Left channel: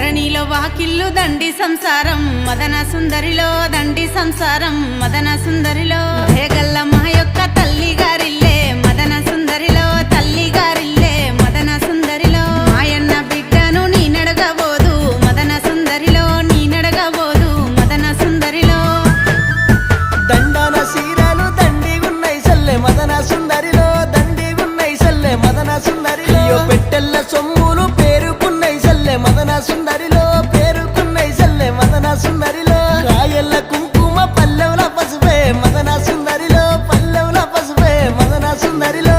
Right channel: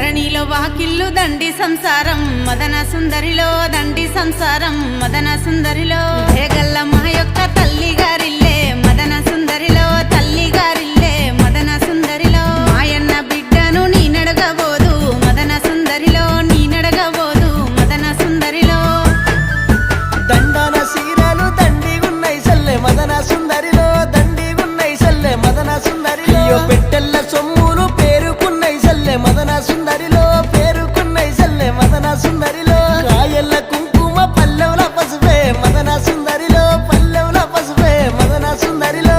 ధరణిలో వాకిల్లు దండి సంసారం మదన సుందరిలో దండి సంసారం మదన సుందరిలో దేగల్ల మా యొక్క తల్లి గారిల్లే మదన సుందరిలో తల్లి గారిల్లే మదన సుందరిలో మాయన్న బిడ్డను నీ నడగబోదు మదన సుందరిలో నీ నడగబోదు మదన సుందరిలో దండన సీరలు దండిగున్నై సల్లె మదన సుందరిలో దండిగున్నై సల్లె మదన సుందరిలో పెట్టెల్ల సొమ్ములు పేరుకున్నై సల్లె మదన సుందరిలో పేరుకున్నై సల్లె మదన సుందరిలో కాయల్ల కుంకుమ పల్లెవుల పసుపే మదన సుందరిలో పల్లెవుల పసుపే మదన సుందరిలో